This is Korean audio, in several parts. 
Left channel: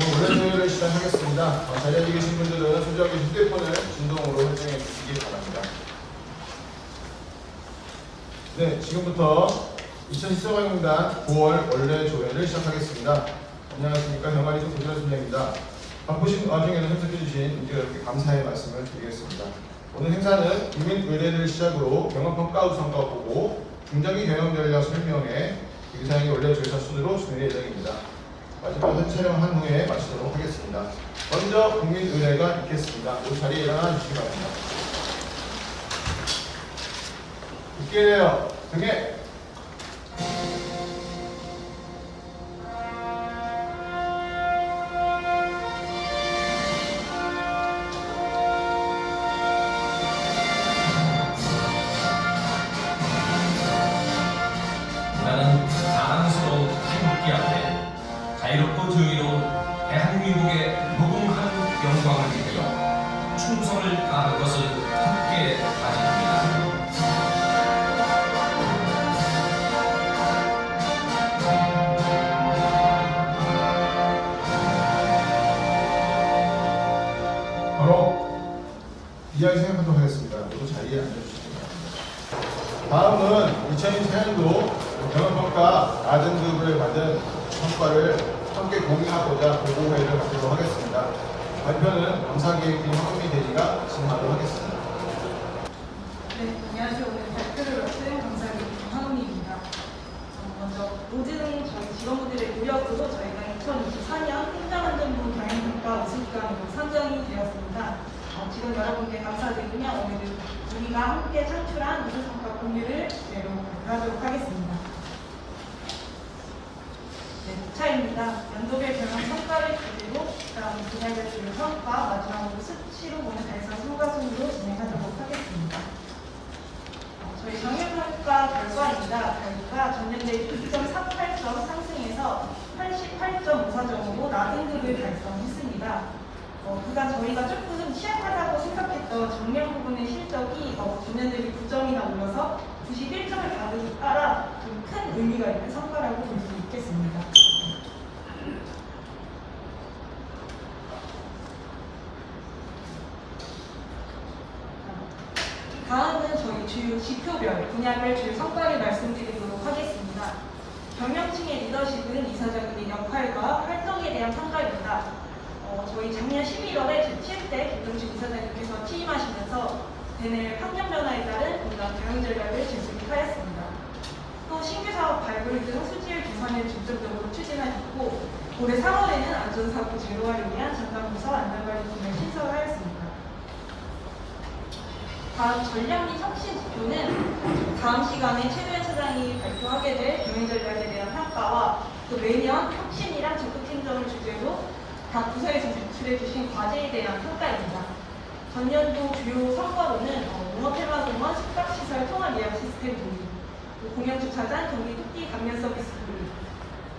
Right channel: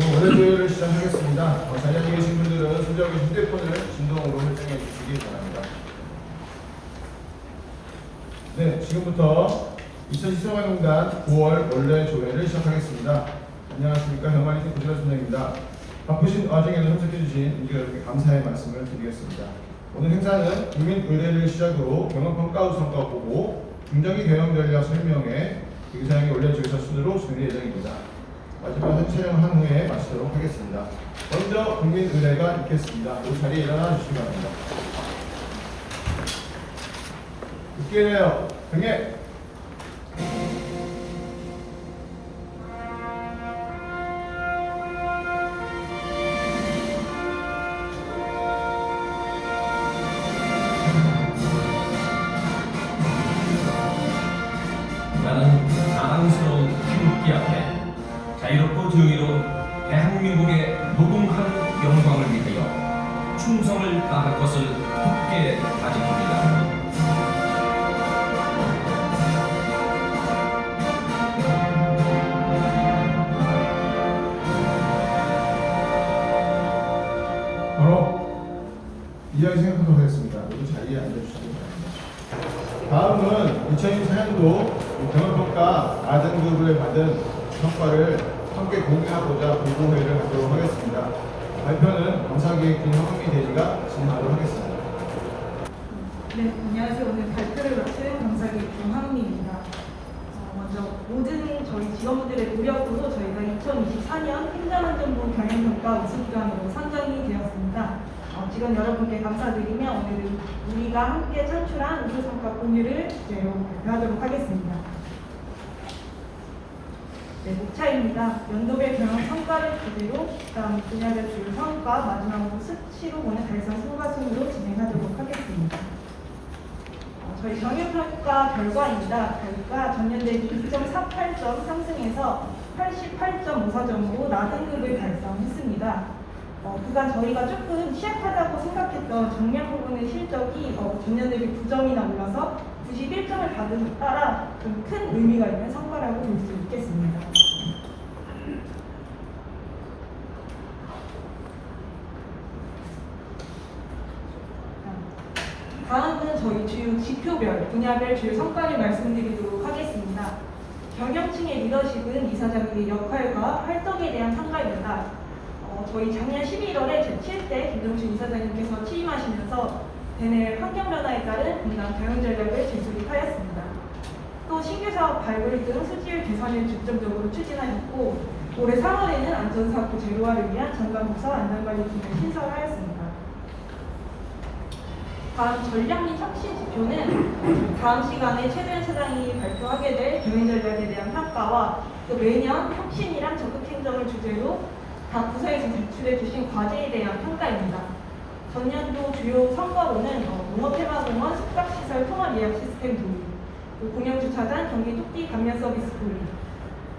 월요일을 시작하겠습니다. 어, 자리에 계신 분들은 손잡이 휴대폰을 진동으로 설정해 주시기 바랍니다. 네, 지금부터 2014학년단 9월 원래 조회를 시작하겠습니다. 안녕하십니까. 영화리스 도시선생입니다. 바쁘신 와중에도 참석해 주신 우리 여러분께 감사의 말씀을 드리겠습니다. 오늘 행사는 국민의례를 시작으로 경험평가 우선과 보고 중장기 경영 전략 설명회 의사의 원래 조사 순으로 준비 예정입니다. 마지막 촬영한 후에 마치도록 하겠습니다. 먼저 국민의례가 있겠습니다. 이 자리에 일어나 주시기 바랍니다. 국기예요. 정해. 충성을 다할 것을 굳게 다짐합니다. 바로 이야기 생각하도록 하겠습니다. 모두 자리에 앉아주시기 바랍니다. 다음은 2024년도 경영평가 아등급을 받은 성과를 함께 공유하고자 보고회를 하도록 하겠습니다. 발표는 강사기획팀 황미 대리가 진행하도록 하겠습니다. 네, 안녕하세요. 오늘 발표를 맡은 강사의 김학미입니다. 어, 먼저 모든 저희 직원분들의 노력으로 저희가 2024년 행정안전부 경영평가 우수기관으로 선정이 되었습니다. 어, 직원 여러분께 감사드리며 오늘 우리가 함께 창출한 우수성과 공유를 그대로 발표하도록 하겠습니다. 네, 목차입니다. 연도별 경영 성과를 그대로 다음 분야별 주요 성과 마지막으로 수치로 보는 달성 성과 순으로 진행하도록 하겠습니다. 어, 저희 정유평가 결과입니다. 결과 전년 대비 2.48점 상승해서 88.54점으로 나등급을 달성했습니다. 어, 그간 저희가 조금 취약하다고 생각했던 정량 부분의 실적이 어, 전년 대비 9점이나 올라서 91점을 받은 데 따라 좀 큰 의미가 있는 성과라고 볼 수 있겠습니다. 다음은 저희 주요 지표별, 분야별 주요 성과를 말씀드리도록 하겠습니다. 경영층의 리더십은 이사장님의 역할과 활동에 대한 성과입니다. 어, 저희 작년 11월에 제7대 김동준 이사장님께서 취임하시면서 대내 환경 변화에 따른 건강 경영 전략을 제수립하였습니다. 또 신규 사업 발굴 등 수지율 개선을 중점적으로 추진하셨고 올해 3월에는 안전사고 제로화를 위한 전담부서 안전관리팀을 신설하였습니다. 다음 전략 및 혁신 지표는 다음 시간에 최도현 차장이 발표하게 될 경영 전략에 대한 평가와 또 매년 혁신이랑 적극 행정을 주제로 각 부서에서 제출해 주신 과제에 대한 평가입니다. 전년도 주요 성과로는 어, 농업해마공원 숙박시설 통합 예약 시스템 도입, 또 공영주차장 경기 토끼 감면 서비스 도입,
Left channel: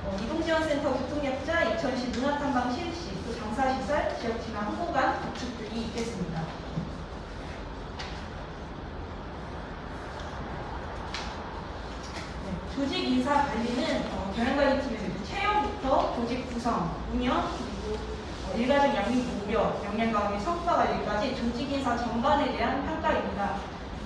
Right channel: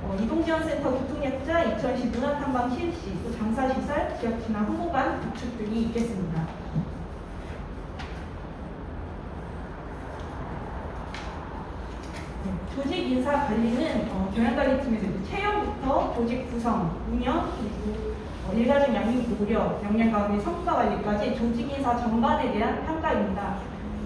어, 이동지원센터 교통약자 2010 문화탐방 실시, 또 장사시설, 지역진화 홍보관 구축 등이 있겠습니다. 네, 조직 인사 관리는 어, 경영관리팀에서 채용부터 조직 구성, 운영, 일가족 양육 고려, 역량 강의 성과 관리까지 조직 인사 전반에 대한 평가입니다.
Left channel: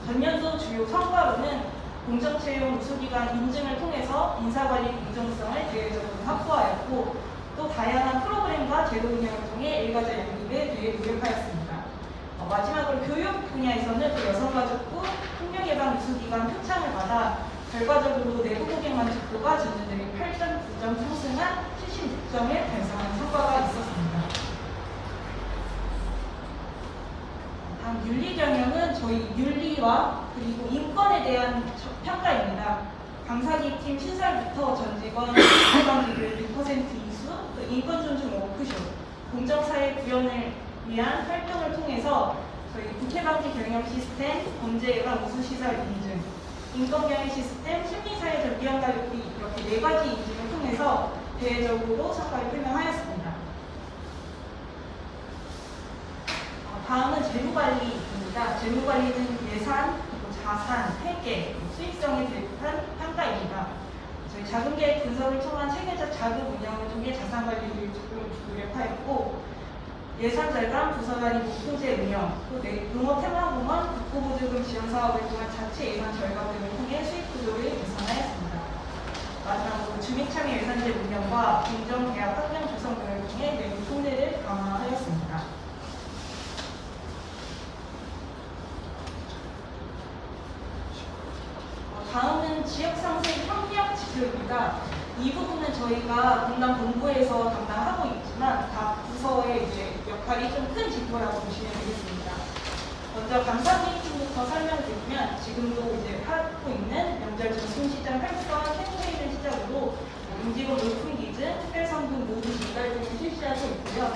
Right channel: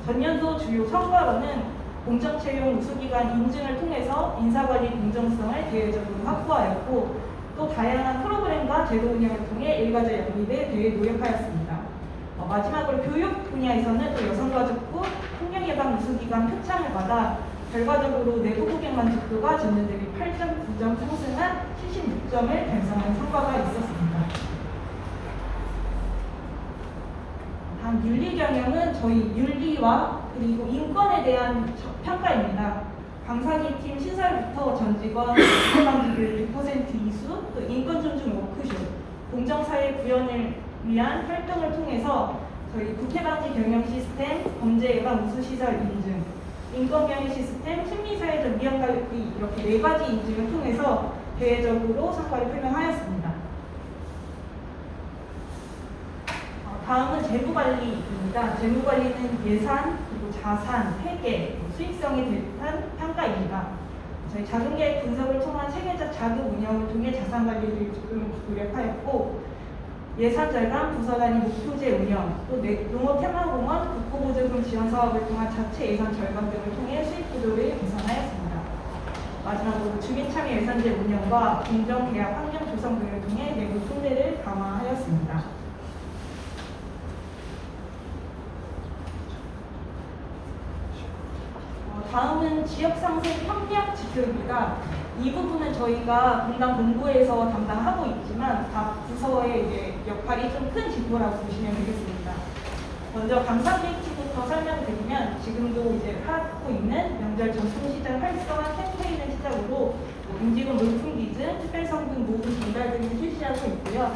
전년도 주요 성과로는 공적 채용 우수기관 인증을 통해서 인사관리 공정성을 대외적으로 확보하였고 또 다양한 프로그램과 제도 운영을 통해 일가족 양립에 대해 노력하였습니다. 어, 마지막으로 교육 분야에서는 또 여성가족부 폭력예방 우수기관 표창을 받아 결과적으로 내부 고객 만족도가 전년 대비 8.9점 상승한 76점을 달성한 성과가 있었습니다. 다음 윤리 경영은 저희 윤리와 그리고 인권에 대한 저- 평가입니다. 강사기 팀 신설부터 전 직원 방지율 100% 이수, 또 인권 존중 워크숍, 공정사회 구현을 위한 활동을 통해서 저희 국회방지 경영 시스템, 범죄 예방 우수 시설 인증, 인권 경영 시스템, 심리사회적 위험 관리 이렇게 네 가지 인증을 통해서 대외적으로 성과를 표명하였습니다. 어, 다음은 재무관리입니다. 재무관리는 예산, 그리고 자산, 회계, 수익성에 대한 평가입니다. 저희 자금계획 분석을 통한 체계적 자금 운영을 통해 자산 관리를 노력하였고 예산 절감, 부서 단위 목표제 운영, 또 내- 농업 테마공원 국토보증금 지원 사업을 통한 자체 예산 절감 등을 통해 수익 구조를 개선하였습니다. 마지막으로 주민참여 예산제 운영과 공정계약 환경 조성 등을 통해 내부 통제를 강화하였습니다. 어, 다음은 지역상생 협력 지표입니다. 이 부분은 저희가 분당 본부에서 담당하고 있지만 각 부서의 이제 역할이 좀큰 지표라고 보시면 되겠습니다. 먼저 감사기획팀부터 설명드리면 지금도 이제 하고 있는 명절 전통시장 활성화 캠페인을 시작으로 임직원 물품 기준, 특별성분 모금 전달 등을 실시하고 있고요.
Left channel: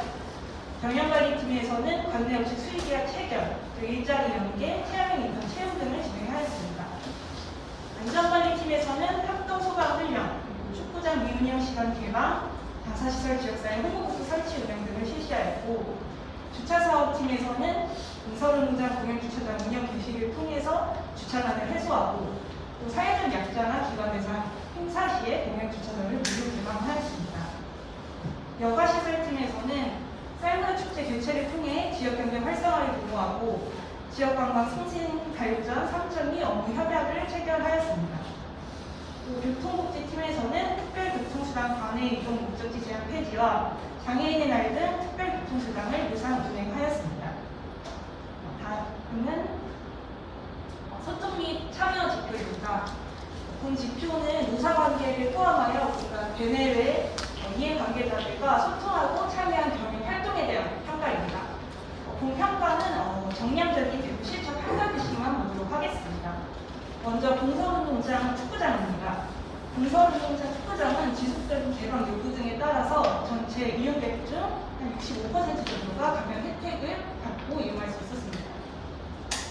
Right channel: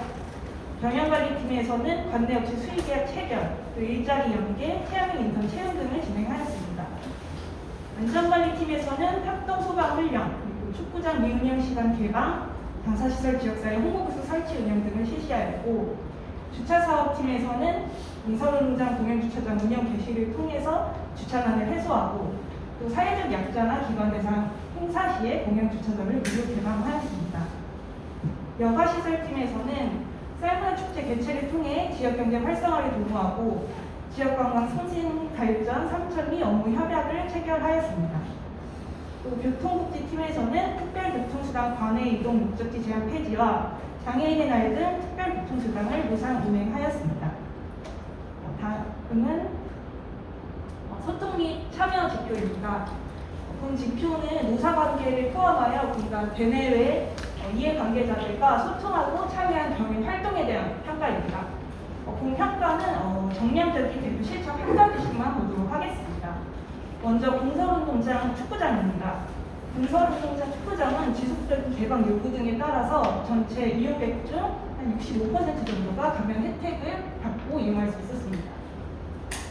경영관리팀에서는 관내업체 수의계약 체결, 또 일자리 연계, 체험형 인턴 채용 등을 진행하였습니다. 안전관리팀에서는 합동 소방 훈련, 축구장 미운용 시간 개방, 방사시설 지역사회 홍보부스 설치 운영 등을 실시하였고 주차사업팀에서는 인서울농장 공영주차장 운영 개시를 통해서 주차난을 해소하고 또 사회적 약자나 기관 대상 행사 시에 공영주차장을 무료 개방하였습니다. 여가시설팀에서는 쌀문화 축제 개최를 통해 지역 경제 활성화를 도모하고 지역 관광 승진 발전 3.2 업무 협약을 체결하였습니다. 또 교통복지팀에서는 특별교통수단 관외 이동 목적지 제한 폐지와 장애인의 날 등 특별교통수단을 무상 운행하였습니다. 다음은 어, 소통 및 참여 지표입니다. 본 지표는 노사관계를 포함하여 그러니까 대내외 어, 이해관계자들과 소통하고 참여한 경영 활동에 대한 평가입니다. 어, 본 평가는 어, 정량적인 대표 실적 평가 기식만 보도록 하겠습니다. 먼저 공서운동장 축구장입니다. 공서운동장 축구장은 지속적인 개방 요구 등에 따라서 전체 이용객 중 한 65% 정도가 가면 혜택을 받고 이용할 수 있었습니다.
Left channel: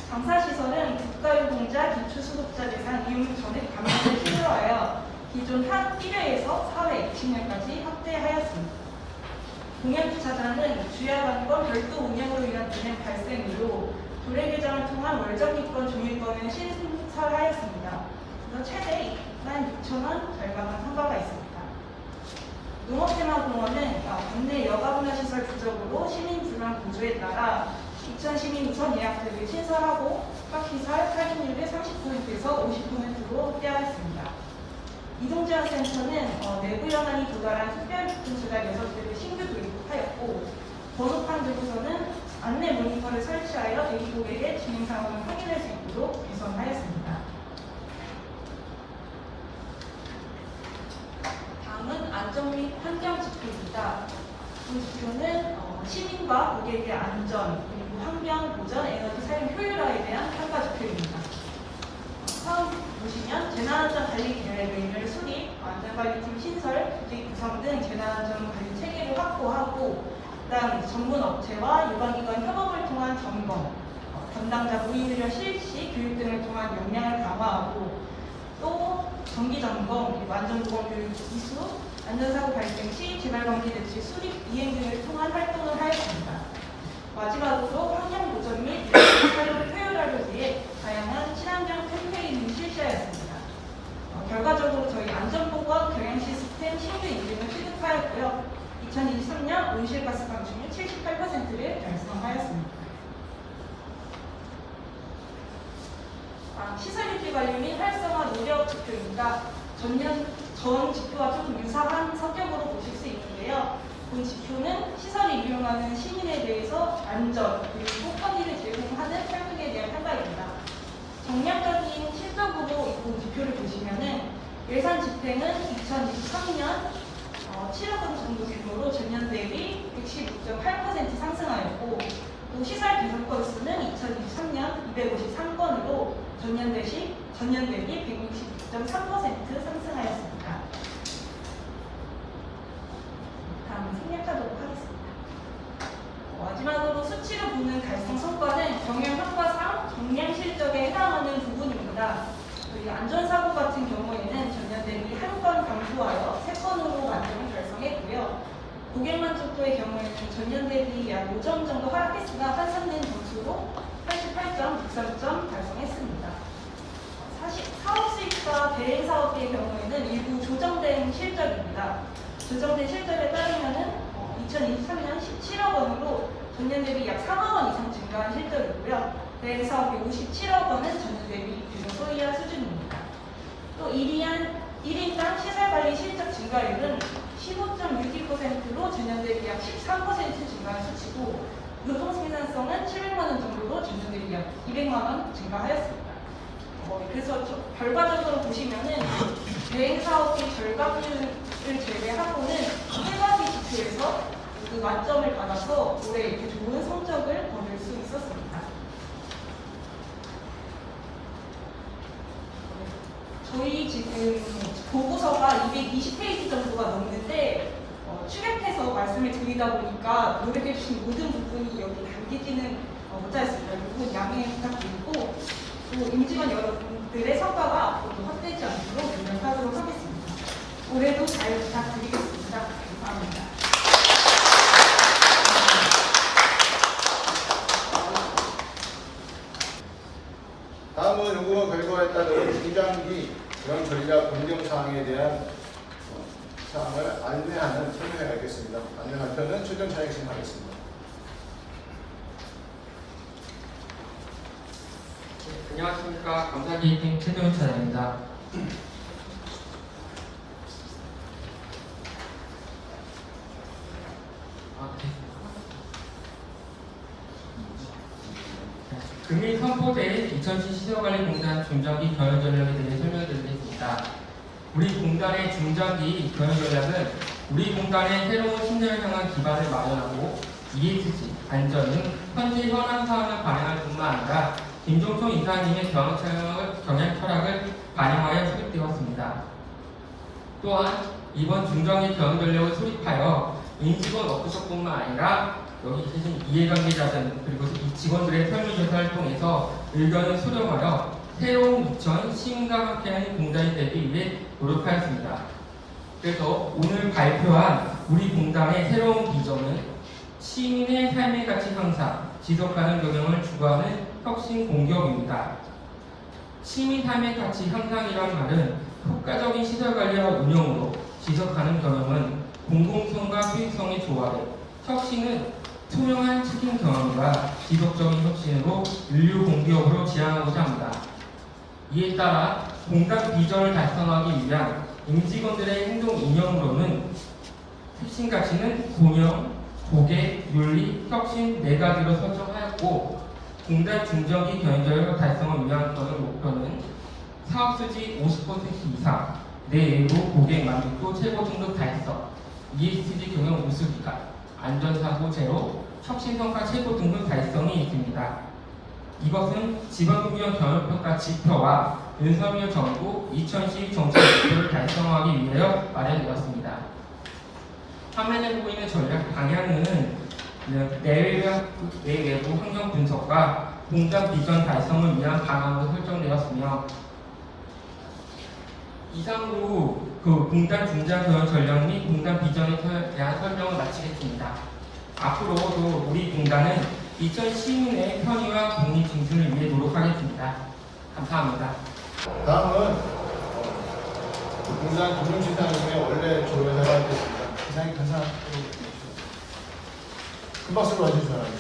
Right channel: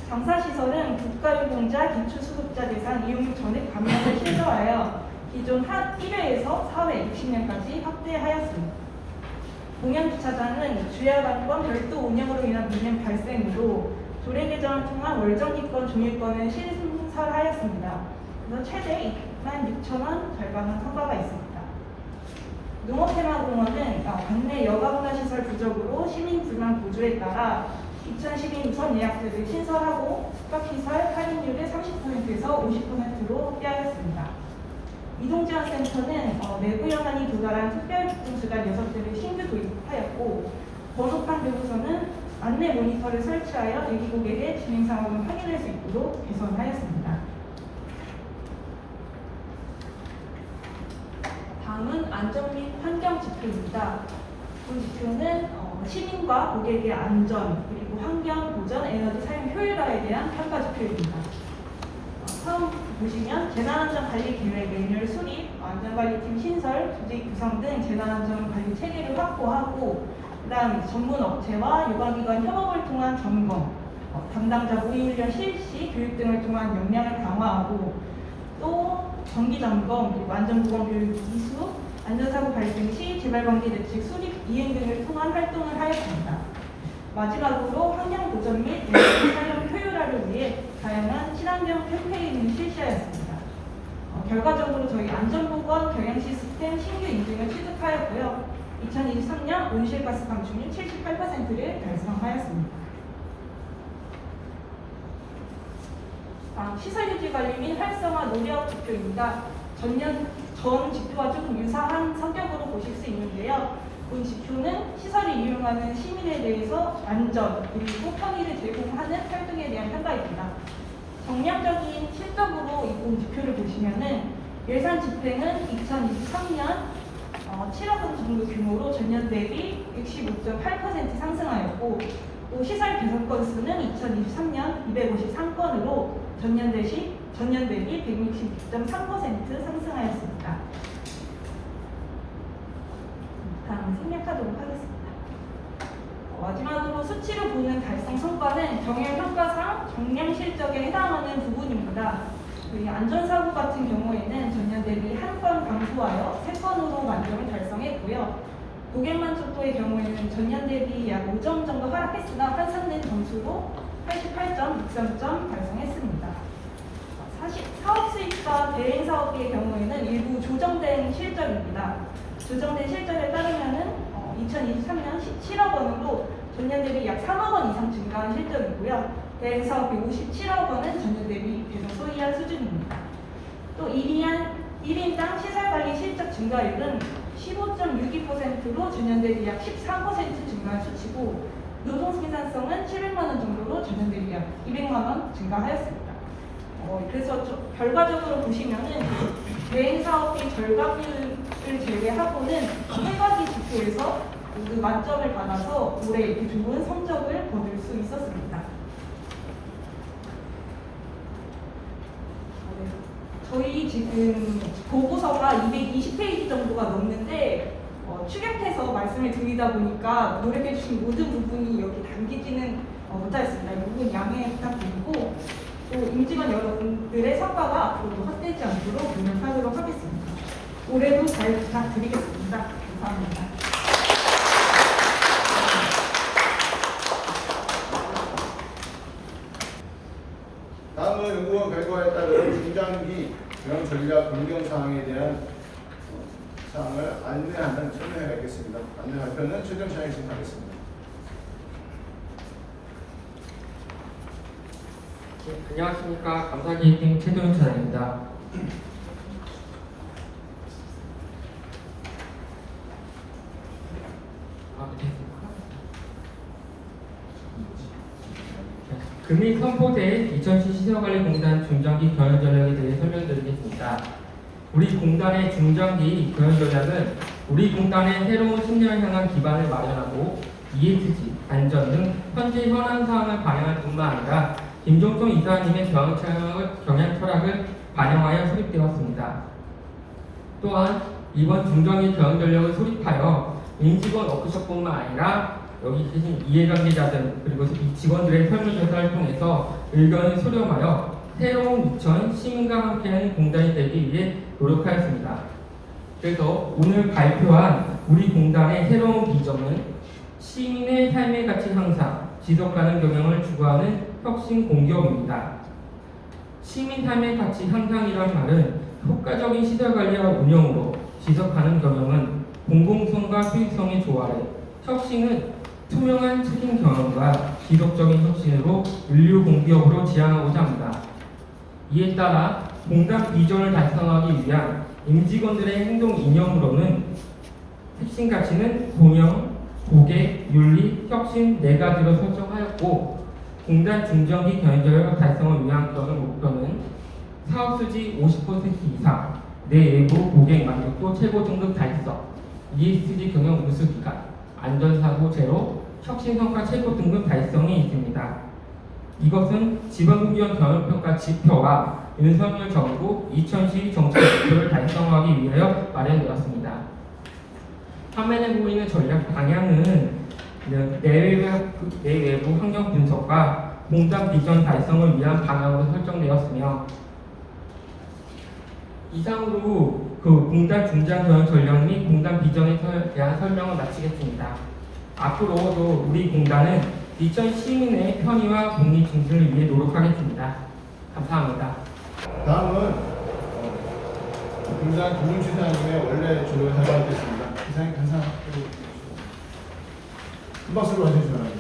감사시설은 국가유공자 기초수급자 대상 이용 전액 감면을 신설하여 기존 한 1회에서 4회 20년까지 확대하였습니다. 공영주차장은 주야관권 별도 운영으로 인한 문행 발생으로 도래 개정을 통한 월정기권 종일권을 신 설하였습니다. 그래서 최대 2만 6천 원 절감한 성과가 있습니다. 농업테마공원은 어, 관내 여가문화시설 부족으로 시민 불만 보조에 따라 2012 우선 예약제를 신설하고 숙박시설 할인율을 30%에서 50%로 확대하였습니다. 이동지원센터는 어, 내부 연한이 도달한 특별교통수단 6대를 신규 도입하였고 번호판 교부서는 안내 모니터를 설치하여 대기 고객의 진행 상황을 확인할 수 있도록 개선하였습니다. 다음은 안전 및 환경 지표입니다. 이 지표는 어, 시민과 고객의 안전, 그리고 환경 보전, 에너지 사용 효율화에 대한 평가 지표입니다. 처음 보시면 재난안전 관리 계획 메뉴를 수립, 안전관리팀 신설, 조직 구성 등 재난안전 관리 체계를 확보하고 그다음 전문 업체와 유관기관 협업을 통한 점검, 어, 담당자 모의 훈련 실시, 교육 등을 통한 역량을 강화하고 또 정기 점검, 그리고 안전보건 교육 이수, 안전사고 발생 시 재발방지 대책 수립, 이행 등을 통한 활동을 하였습니다. 마지막으로 환경 보전 및 에너지 사용 효율화를 위해 다양한 친환경 캠페인을 실시하였습니다. 어, 결과적으로 저희 안전보건 경영 시스템 신규 인증을 취득하였고요. 2023년 온실가스 감축률 78%를 달성하였습니다. 아, 시설 유지 관리 및 활성화 노력 지표입니다. 전년 전 지표와 좀 유사한 성격으로 보실 수 있는데요. 본 지표는 시설을 이용하는 시민에 대해서 안전 그리고 편의를 제공하는 활동에 대한 평가입니다. 정략적인 실적으로 이본 지표를 보시면은 예산 집행은 2023년 어, 7억 원 정도 규모로 전년 대비 115.8% 상승하였고 또 시설 개선 건수는 2023년 253건으로 전년 대시 전년 대비 166.3% 상승하였습니다. 생략하도록 하겠습니다. 마지막으로 수치로 보는 달성 성과는 경영 효과상 정량 실적에 해당하는 부분입니다. 저희 안전사고 같은 경우에는 전년 대비 한 건 감소하여 세 건으로 만점을 달성했고요. 고객 만족도의 경우에는 전년 대비 약 5점 정도 하락했으나 환산된 점수로 88.63점 달성했습니다. 사실 사업 수익과 대행 사업비의 경우에는 일부 조정된 실적입니다. 조정된 실적에 어, 2023년 17억 원으로 전년 대비 약 3억 원 이상 증가한 실적이고요. 대행 사업비 57억 원은 전년 대비 계속 소이한 수준입니다. 또 1인, 1인당 시설 관리 실적 증가율은 15.62%로 전년 대비 약 13% 증가한 수치고 노동 생산성은 700만 원 정도로 전년 대비 약 200만 원 증가하였습니다. 어, 그래서 저- 결과적으로 보시면은 대행 사업비 결과비를 제외하고는 세 가지 지표에서 모두 만점을 받아서 올해 이렇게 좋은 성적을 거둘 수 있었습니다. 저희 지금 보고서가 220페이지 정도가 넘는데 어, 축약해서 말씀을 드리다 보니까 노력해 주신 모든 부분이 여기 담기지는 어, 못하였습니다. 이 부분 양해 부탁드리고 또 임직원 여러분들의 성과가 헛되지 않도록 노력하도록 하겠습니다. 올해도 잘 부탁드리겠습니다. 다음은 연구원 결과에 따른 중장기 기원 전략 운영 사항에 대한 어, 사항을 안내하는 설명하겠습니다. 안내 발표는 최근 차익생 하겠습니다. 네, 안녕하십니까 감사기획팀 최도현 차장입니다. 아, 네. 금일 선포된 2010 시설관리공단 중장기 경영 전략에 대해 설명드리겠습니다. 우리 공단의 중장기 경영 전략은 우리 공단의 새로운 10년 향한 기반을 마련하고 ESG, 안전 등 현재 현안 사항을 반영할 뿐만 아니라 김종성 이사님의 경영 철학을 반영하여 수립되었습니다. 또한 이번 중장기 경영 전략을 수립하여 임직원 워크숍뿐만 아니라 여기 계신 이해관계자들 그리고 이 직원들의 설문조사를 통해서 의견을 수렴하여 새로운 2000 시민과 함께하는 공단이 되기 위해 노력하였습니다. 그래서 오늘 발표한 우리 공단의 새로운 비전은 시민의 삶의 가치 향상, 지속 가능 경영을 추구하는 혁신 공기업입니다. 시민 삶의 가치 향상이라는 말은 효과적인 시설 관리와 운영으로 지속 가능 경영은 공공성과 수익성의 조화를, 혁신은 투명한 책임 경영과 지속적인 혁신으로 인류 공기업으로 지향하고자 합니다. 이에 따라 공단 비전을 달성하기 위한 임직원들의 행동 이념으로는 핵심 가치는 공영, 고객, 윤리, 혁신 네 가지로 설정하였고 공단 중장기 경영적 달성을 위한 또는 목표는 사업 수지 50% 이상, 내외부 고객 만족도 최고 등급 달성, ESG 경영 우수 기간, 안전사고 제로, 혁신 성과 최고 등급 달성이 있습니다. 이것은 직원훈련 경영평가 지표와 윤석열 정부 2012 정책 목표를 달성하기 위하여 마련되었습니다. 화면에 보이는 전략 방향은 내외부, 환경 분석과 공단 비전 달성을 위한 방향으로 설정되었으며 이상으로 그 공단 중장 경영 전략 및 공단 비전에 서- 대한 설명을 마치겠습니다. 앞으로도 우리 공단은 2000 시민의 편의와 공익 증진을 위해 노력하겠습니다. 감사합니다. 다음은 어, 공단 금융시장의 원래 조례를 하겠습니다. 이상 감사. 큰 박수로 와주시면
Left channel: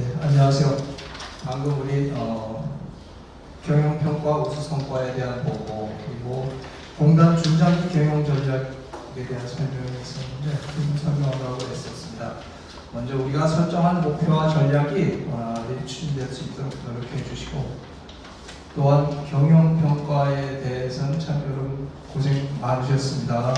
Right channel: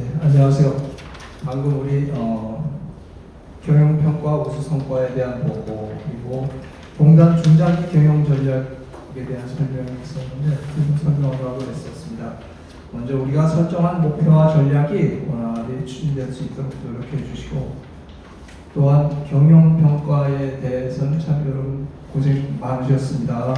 네, 안녕하세요. 방금 우리 어, 경영평가 우수 성과에 대한 보고 그리고 공단 중장기 경영 전략에 대한 설명이 있었는데 그 설명을 하고 있었습니다. 먼저 우리가 설정한 목표와 전략이 원활히 추진될 수 있도록 노력해 주시고 또한 경영평가에 대해서는 참 여러분 고생 많으셨습니다.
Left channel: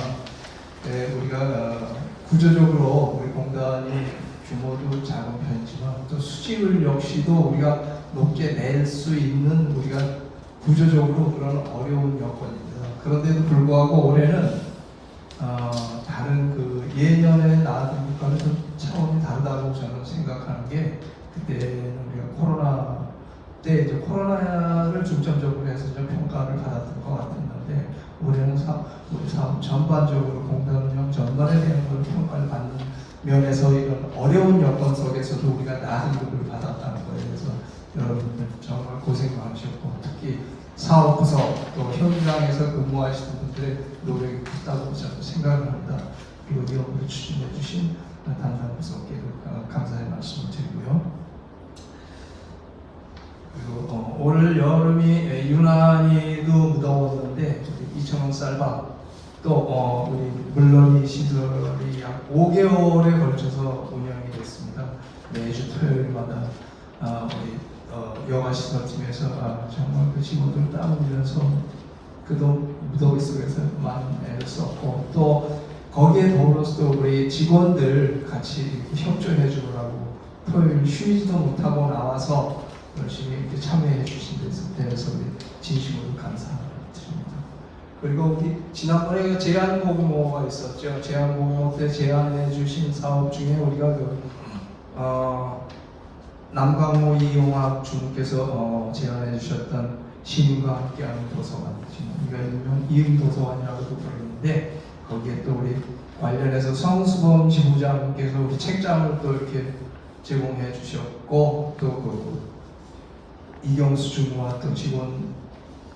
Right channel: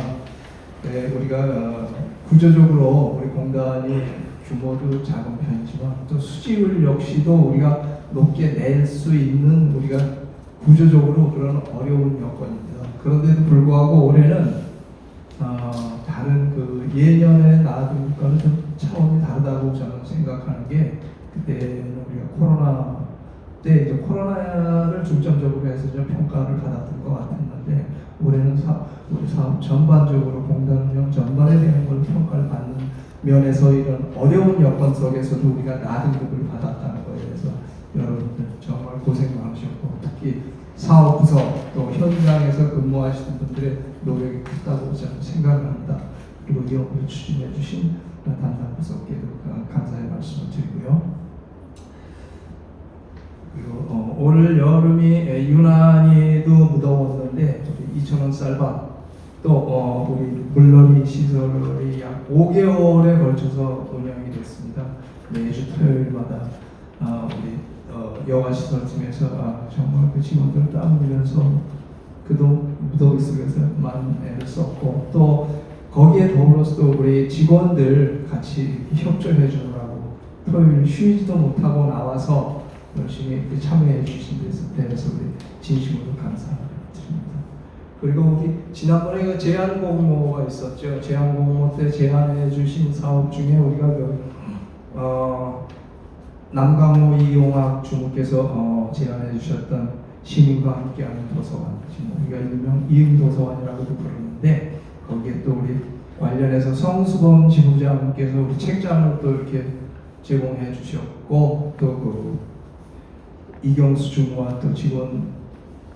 네, 우리가 어, 구조적으로 우리 공단이 규모도 작은 편이지만 또 수지율 역시도 우리가 높게 낼 수 있는 우리가 구조적으로 그런 어려운 여건입니다. 그런데도 불구하고 올해는 어, 다른 그 예년에 나왔던 것과는 좀 차원이 다르다고 저는 생각하는 게 그때는 우리가 코로나 때 이제 코로나를 중점적으로 해서 좀 평가를 받았던 것 같았는데 올해는 사, 우리 사업 전반적으로 공단 운영 전반에 대한 걸 평가를 받는 면에서 이런 어려운 여건 속에서도 우리가 낮은 급을 받았다는 거에 대해서 여러분들 정말 고생 많으셨고 특히 사업부서 또 현장에서 근무하시는 분들의 노력이 크다고 저는 생각을 합니다. 그리고 이 업무를 추진해 주신 담당 부서께도 어, 감사의 말씀을 드리고요. 그리고 어, 올 여름이 에, 유난히도 무더웠는데 우리 이천원 쌀밥 또 어, 우리 물놀이 시설이 약 5개월에 걸쳐서 운영이 됐습니다. 매주 토요일마다 아, 우리 어, 여가 시설팀에서 아, 정말 그 직원들 땀 흘려서 그도 무더위 속에서 많은 애를 썼고 또 거기에 더불어서 또 우리 직원들 같이 이렇게 협조해 주느라고 토요일 쉬지도 못하고 나와서 열심히 이렇게 참여해 주신 데서 우리 진심으로 감사드립니다. 그리고 지난번에 그 제안 공모가 있었죠. 제안 공모 때 제안해 주신 사업 중에 우리가 그 어, 남강호 이용학 주무께서 어, 제안해 주셨던 시민과 함께하는 도서관, 우리가 일명 이음 도서관이라고도 부르는데 거기에 또 우리 관련해서 성수범 지부장께서 우리 책장을 또 이렇게 제공해 주셨고 또 그 이경수 주무와 또 직원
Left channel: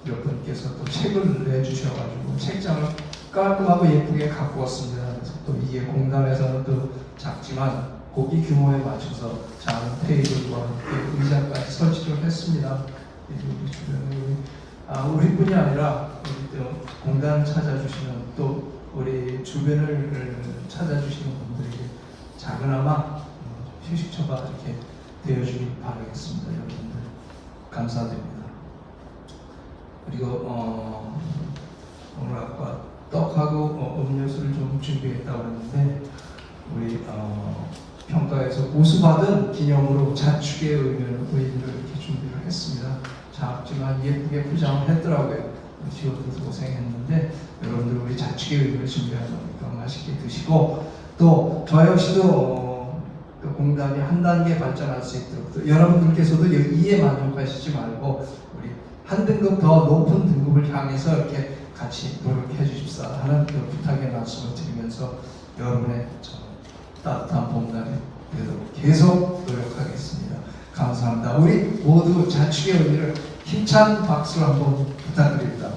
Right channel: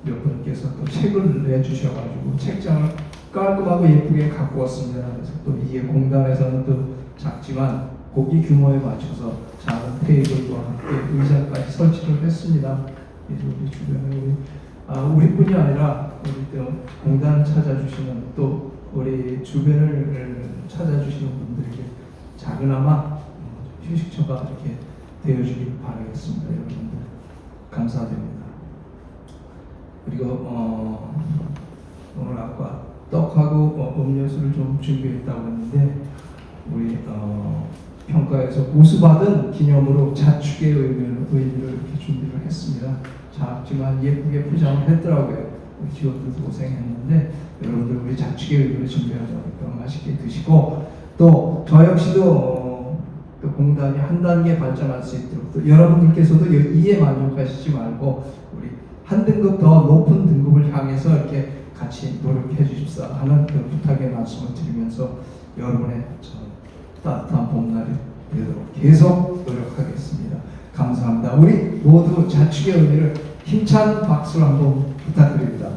몇 분께서 또 책을 내주셔가지고 책장을 깔끔하고 예쁘게 갖고 왔습니다. 그래서 또 이게 공단에서는 또 작지만 고기 규모에 맞춰서 작은 테이블과 함께 의자까지 설치를 했습니다. 그래서 우리 주변에 아, 우리뿐이 아니라 우리 또 공단 찾아주시는 또 우리 주변을 찾아주시는 분들에게 작은아마 어, 휴식처가 이렇게 되어주길 바라겠습니다. 여러분들 감사드립니다. 그리고 어, 오늘 아까 떡하고 어, 음료수를 좀 준비했다고 했는데 우리 어, 평가에서 우수받은 기념으로 자축의 의미를, 이렇게 준비를 했습니다. 작지만 예쁘게 포장을 했더라고요. 직원들도 고생했는데 여러분들 우리 자축의 의미를 준비하자니까 맛있게 드시고 또 저 역시도 어, 또 공단이 한 단계 발전할 수 있도록 또 여러분들께서도 이에 만족하시지 말고 한 등급 더 높은 등급을 향해서 이렇게 같이 노력해 주십사 하는 그 부탁의 말씀을 드리면서 여러분의 저 따뜻한 봄날이 되도록 계속 노력하겠습니다. 감사합니다. 우리 모두 자축의 의미를 힘찬 박수를 한번 부탁드립니다.